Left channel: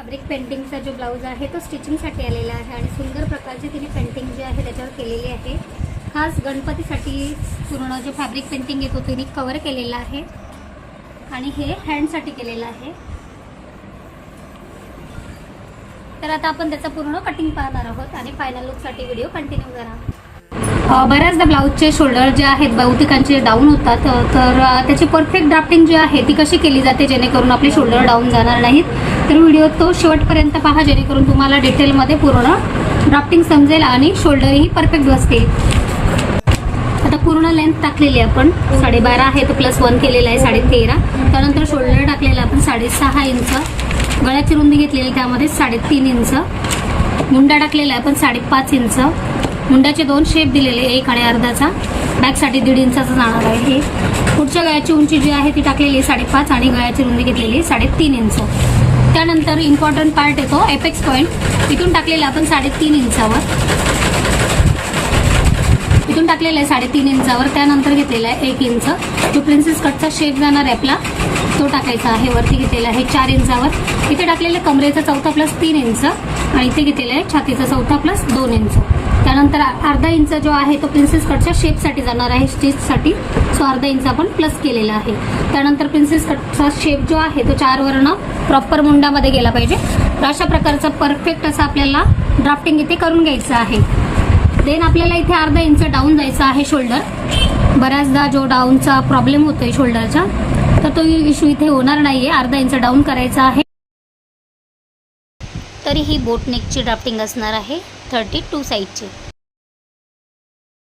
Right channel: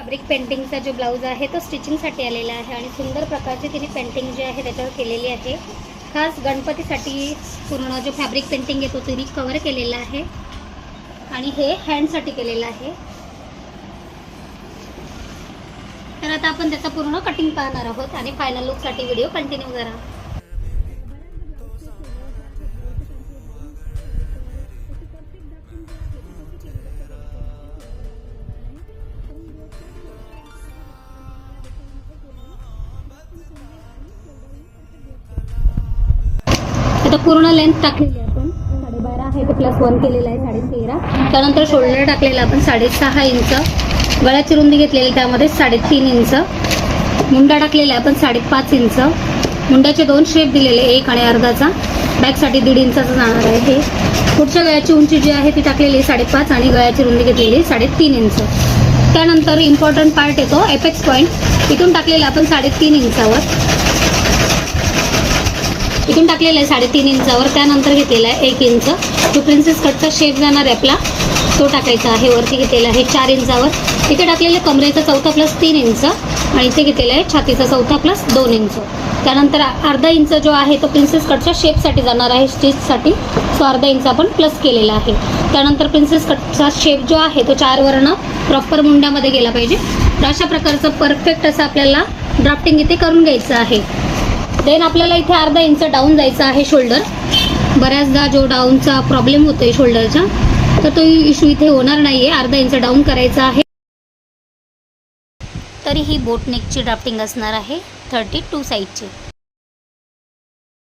Fabric पेंटिंगचा जो blouse आहे तो स्टिचिंगसाठी आलेला आहे आणि सुंदर प्रकारची तिने पेंटिंग जी आहे त्याच्यावर केलेली आहे। खास गणपतीसाठी पूर्ण जो फॅब्रिक पेंटिंग येतो तिने कव्हर केलेला आहे आणि हे हँडसाठी केलेलं आहे। तर आता आपण त्याचा पूर्ण कटिंग पाहणार आहोत आणि फायनल लुकसाठी व्हिडिओ कंटिन्यू करा। बऱ्याचदा ब्लाऊजचे शोल्डर जे आहेत बहुतेकांचे डाऊन होतात, तर त्याची परफेक्ट ड्राफ्टिंग जी आहे ती कशी केली जाते जेणेकरून आपले शोल्डर डाऊन जाणार नाहीत। तर व्हिडिओ तो शेवटपर्यंत पहा जेणेकरून तुम्हाला डिटेलमध्ये पूर्ण ड्राफ्टिंग समजेल आणि शोल्डरही परफेक्ट बसतील। आता पूर्ण लेंथ टाकलेली आपण 12.5 आहे, तर +1 केलेला आहे 13.5। त्यानंतर शोल्डर टाकलेला आपण 6.5 इंच, गळ्याची रुंदी घेतलेली त्यामध्ये 3.5 इंच, मुंडा टाकलेला आपण 5.5 इंच, मुंड्याचे 2 शेप दिलेले, एक आणि अर्धाचा, बॅकसाठी 1.5 इंचाचा जाणार आहे। हे पुढच्या गळ्याची उंची जी आहे ती टाकलेली 5.5 आणि गळ्याची रुंदी घेतलेली 3.5 इंच। त्यानंतर इम्पॉर्टंट पार्ट येतो एपेक्स पॉईंट, इथून टाकलेला आपण 3.5 इंचावर, इथून टाकलेलं आहे 3.5 इंचावर। त्यानंतर घेतलेला आहे 1 इंच, जो प्रिन्सेस कटचा शेप जाणार आहे आपला तो टाकायचा आहे। वरती घेतलेला आहे 4 इंचावर, इथे टाकलेलं कमरेचा 4था +3 इंच आणि इथे घेतलेला आहे छातीचा 4था +2 इंच। त्यानंतर अर्धा इंच जो आहे तो प्रिन्सेस कटच्या शेपसाठी जाणार आहे, स्टिचसाठी, सो अर्धा इंच आपण प्लस केलेला आहे। त्यानंतर प्रिन्सेस कटचा शेप जो आहे तो 4 वरनं प्रॉपर मुंडामध्ये गेला पाहिजे। तर अशा प्रकारचं परफेक्ट असं आपल्याला ड्राफ्टिंग इथे करून घ्यायचं आहे। देन आपल्याला इथे अर्धा इंच डाऊन जायचं आहे शोल्डर। बऱ्याचदा जो डाऊनचा प्रॉब्लेम होतोय शोल्डरचा, तर तो इश्यू इथे होणार नाही आहे, अर्धा इंच डाऊन करायचा आहे। तरी ही बोट नेकची ड्राफ्टिंग असणार आहे 32 साईजची।